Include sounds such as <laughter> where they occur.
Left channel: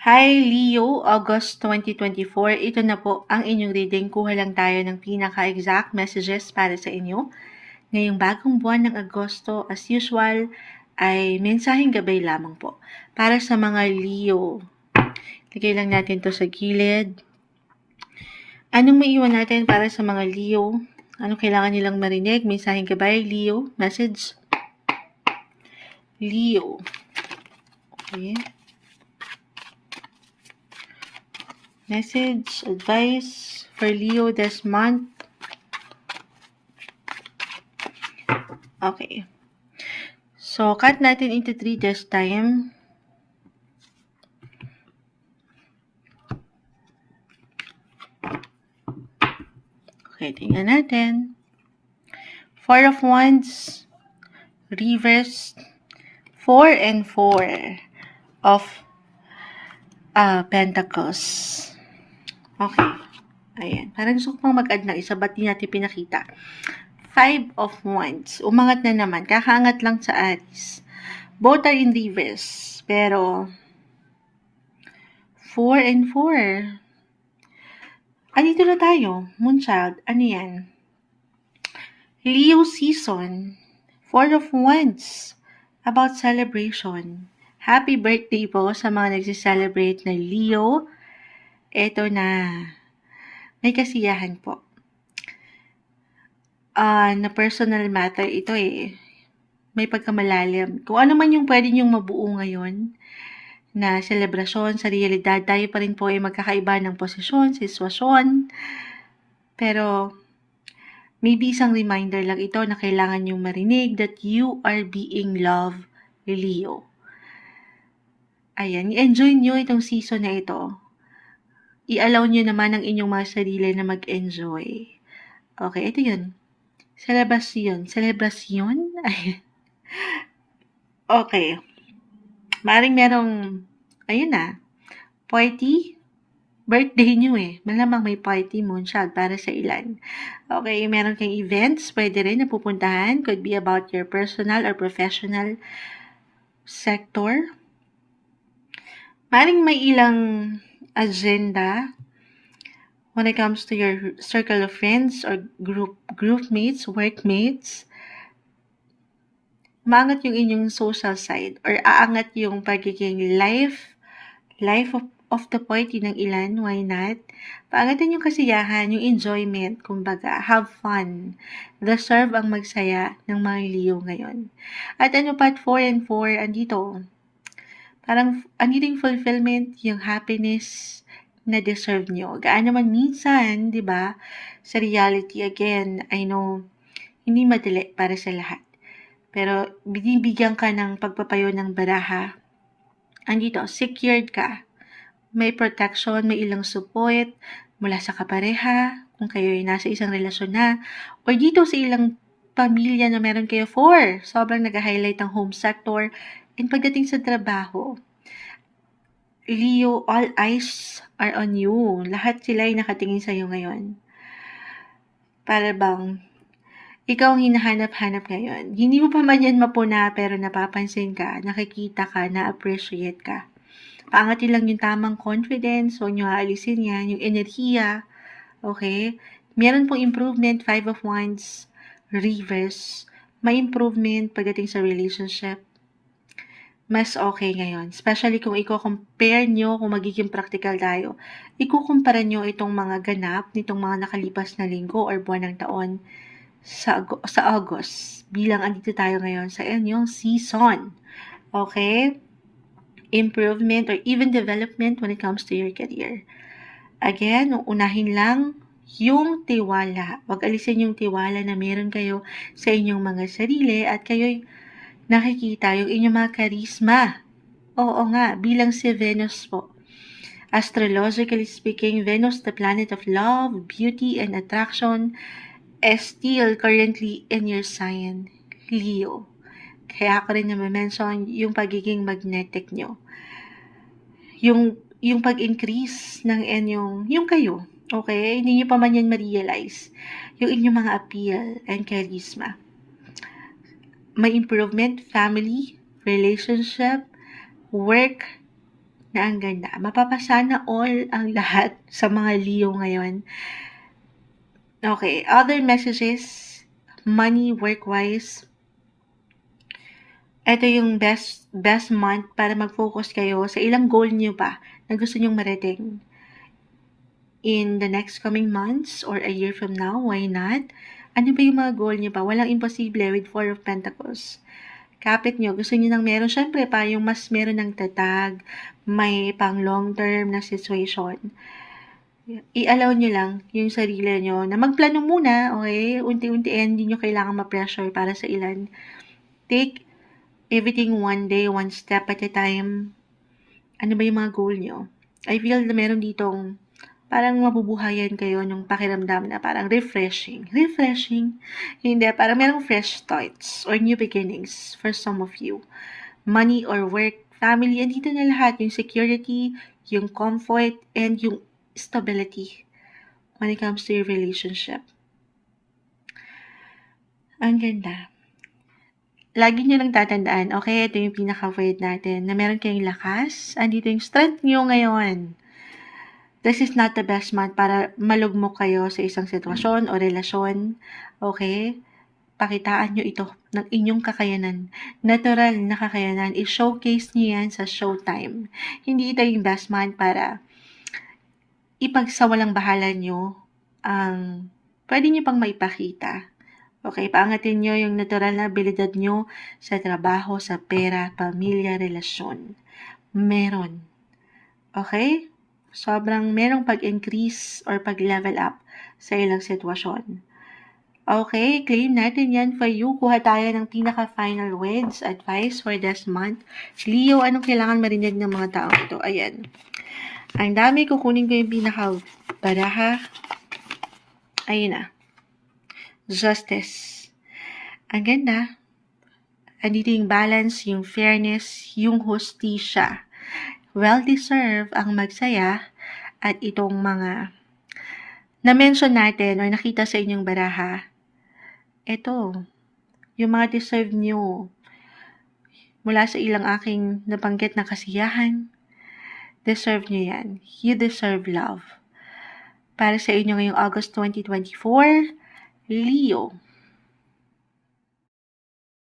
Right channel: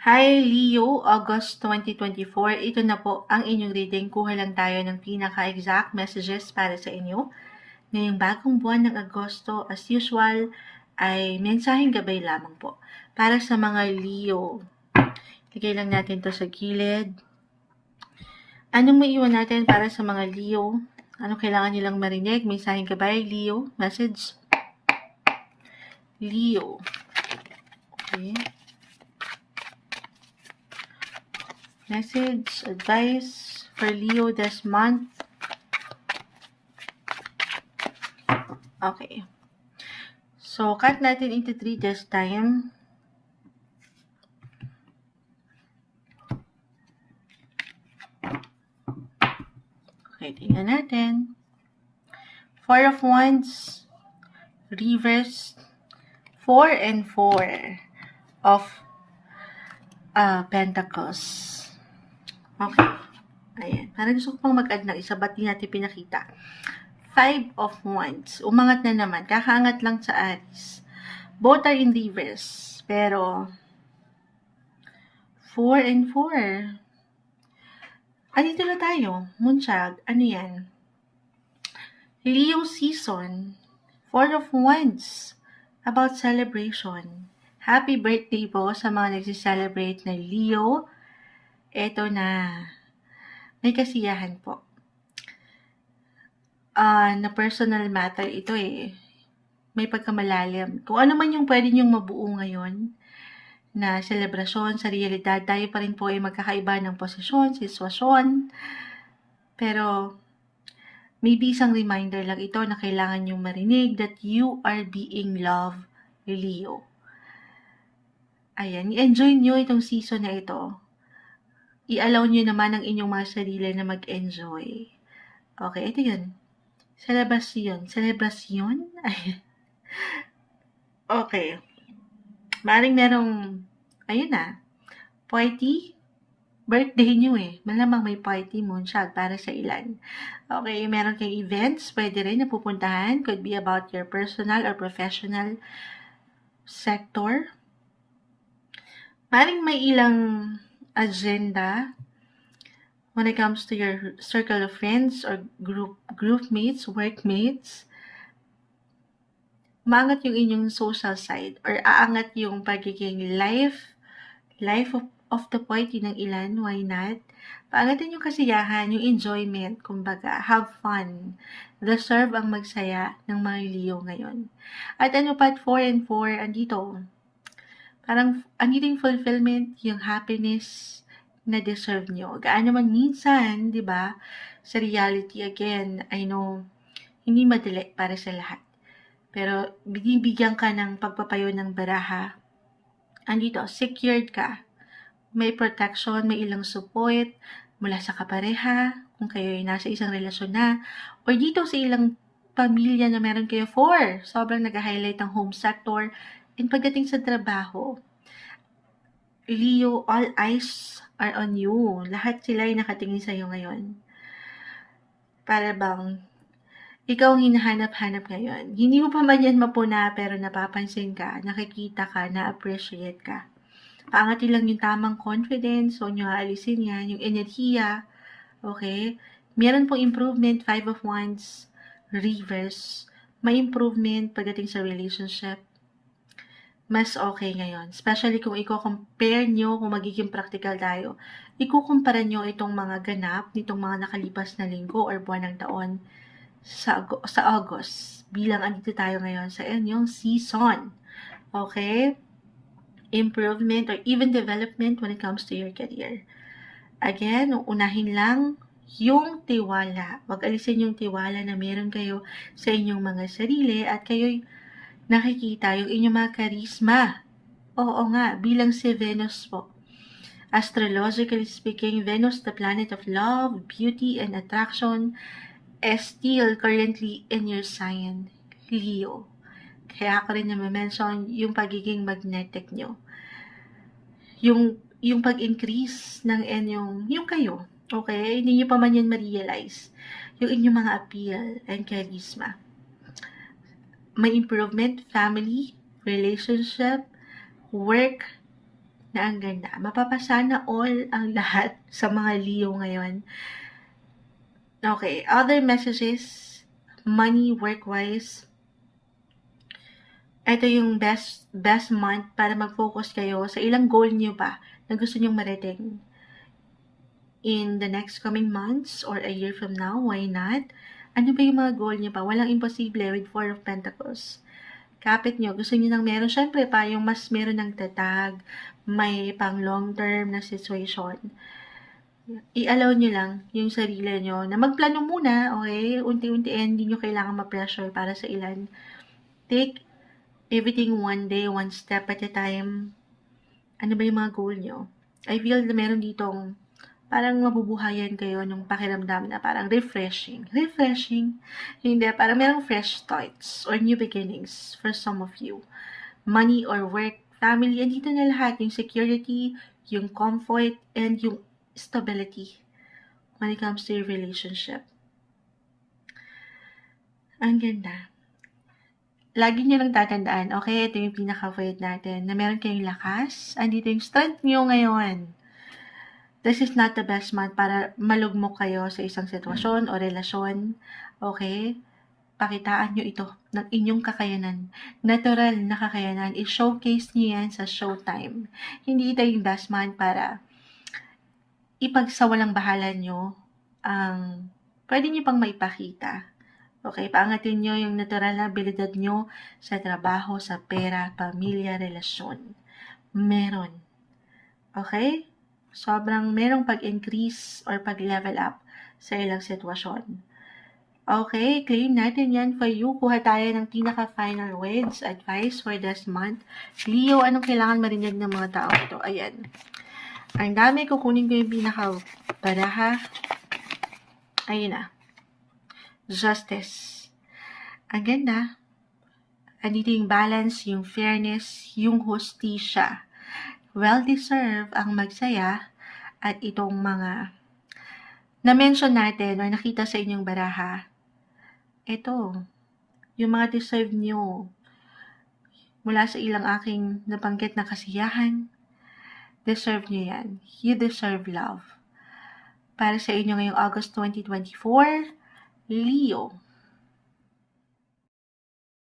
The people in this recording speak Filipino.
Hi Leo, August 2024. Ito na po ang inyong reading. Kuha lang tayo ng pinaka-exact messages para sa inyo. Ngayong bagong buwan ng Agosto, as usual, ay mensaheng gabay lamang po. Para sa mga Leo, lagay lang natin to sa gilid. Anong maiwan natin para sa mga Leo? Anong kailangan nilang marinig? Mensaheng gabay, Leo, message. Leo. Okay. Message, advice for Leo this month. Okay. So, cut natin into 3 this time. Okay, tingnan natin. Four of Wands, reverse, 4 and 4 of uh, Pentacles. Okay. Ayan. Parang gusto ko pang mag-add ng isa, ba't di natin pinakita? Five of Wands. Umangat na naman. Kakaangat lang sa Aries. Both are in reverse. Pero, 4 and 4. Andito na tayo. Moonchild. Ano yan? Leo season. Four of Wands. About celebration. Happy birthday po sa mga nagsiselebrate na Leo. Ito na. May kasiyahan po. Uh, na personal matter ito eh. May pagkamalalim. Kung ano man yung pwede nyong mabuo ngayon na selebrasyon sa realidad, tayo pa rin po ay magkakaiba ng posisyon, sitwasyon. Pero maybe isang reminder lang ito na kailangan nyong marinig that you are being loved, Leo. Ayan, i-enjoy nyo itong season na ito i-allow nyo naman ang inyong mga sarili na mag-enjoy. Okay, ito yun. Celebration. Celebration? <laughs> okay. Maring merong, ayun na, party, birthday nyo eh. Malamang may party moonshot para sa ilan. Okay, meron kang events, pwede rin na pupuntahan. Could be about your personal or professional sector. Maring may ilang agenda when it comes to your circle of friends or group group mates, workmates. Maangat yung inyong social side or aangat yung pagiging life life of, of the party ng ilan, why not? Paangatan yung kasiyahan, yung enjoyment, kumbaga, have fun. Deserve ang magsaya ng mga Leo ngayon. At ano pa, 4 and 4, andito, parang ang yung fulfillment, yung happiness na deserve nyo. Gaano man minsan, di ba, sa reality again, I know, hindi madali para sa lahat. Pero binibigyan ka ng pagpapayo ng baraha. Andito, secured ka. May protection, may ilang support mula sa kapareha, kung kayo ay nasa isang relasyon na, or dito sa ilang pamilya na meron kayo for. Sobrang nag-highlight ang home sector, And pagdating sa trabaho, Leo, all eyes are on you. Lahat sila ay nakatingin sa iyo ngayon. Para bang ikaw ang hinahanap-hanap ngayon. Hindi mo pa man yan mapuna pero napapansin ka, nakikita ka, na-appreciate ka. Paangatin lang yung tamang confidence, so nyo aalisin yan, yung enerhiya, okay? Meron pong improvement, five of wands, reverse, may improvement pagdating sa relationship, mas okay ngayon. Especially kung i-compare nyo, kung magiging practical tayo, ikukumpara nyo itong mga ganap nitong mga nakalipas na linggo or buwan ng taon sa, sa August. Bilang andito tayo ngayon sa inyong season. Okay? Improvement or even development when it comes to your career. Again, unahin lang yung tiwala. Huwag alisin yung tiwala na meron kayo sa inyong mga sarili at kayo'y nakikita yung inyong mga karisma. Oo nga, bilang si Venus po. Astrologically speaking, Venus, the planet of love, beauty, and attraction, is still currently in your sign, Leo. Kaya ako rin na-mention yung pagiging magnetic nyo. Yung, yung pag-increase ng inyong, yung kayo, okay? Hindi nyo pa man yan ma-realize. Yung inyong mga appeal and charisma may improvement, family, relationship, work, na ang ganda. Mapapasana all ang <laughs> lahat sa mga Leo ngayon. Okay, other messages, money, work-wise. Ito yung best best month para mag-focus kayo sa ilang goal niyo ba na gusto niyong marating. In the next coming months or a year from now, why not? Ano ba yung mga goal niyo ba? Walang imposible with Four of Pentacles. Kapit niyo, gusto niyo nang meron, syempre pa, yung mas meron ng tatag, may pang long term na situation i-allow nyo lang yung sarili nyo na magplano muna, okay? Unti-unti, hindi nyo kailangan ma-pressure para sa ilan. Take everything one day, one step at a time. Ano ba yung mga goal nyo? I feel na meron ditong parang mabubuhayan kayo ng pakiramdam na parang refreshing. Refreshing? Hindi, parang merong fresh starts or new beginnings for some of you. Money or work, family, andito na lahat. Yung security, yung comfort, and yung stability when it comes to your relationship. Ang ganda. Lagi nyo lang tatandaan, okay, ito yung pinaka-word natin, na meron kayong lakas, andito yung strength nyo ngayon. This is not the best month para malugmok kayo sa isang sitwasyon o relasyon, okay? Pakitaan nyo ito ng inyong kakayanan. Natural na kakayanan. I-showcase nyo yan sa showtime. Hindi ito yung best month para ipagsawalang bahala nyo ang pwede nyo pang maipakita. Okay, paangatin nyo yung natural na abilidad nyo sa trabaho, sa pera, pamilya, relasyon. Meron. Okay? Sobrang merong pag-increase or pag-level up sa ilang sitwasyon. Okay, claim natin yan for you. Kuha tayo ng pinaka-final words, advice for this month. Leo, anong kailangan marinig ng mga tao ito? Ayan. Ang dami, kukunin ko yung pinaka-baraha. Ayun na. Justice. Ang ganda. Andito yung balance, yung fairness, yung hustisya. Well-deserved ang magsaya at itong mga na-mention natin o nakita sa inyong baraha. Ito, yung mga deserve nyo mula sa ilang aking nabanggit na kasiyahan, deserve nyo yan. You deserve love. Para sa inyo ngayong August 2024, Leo,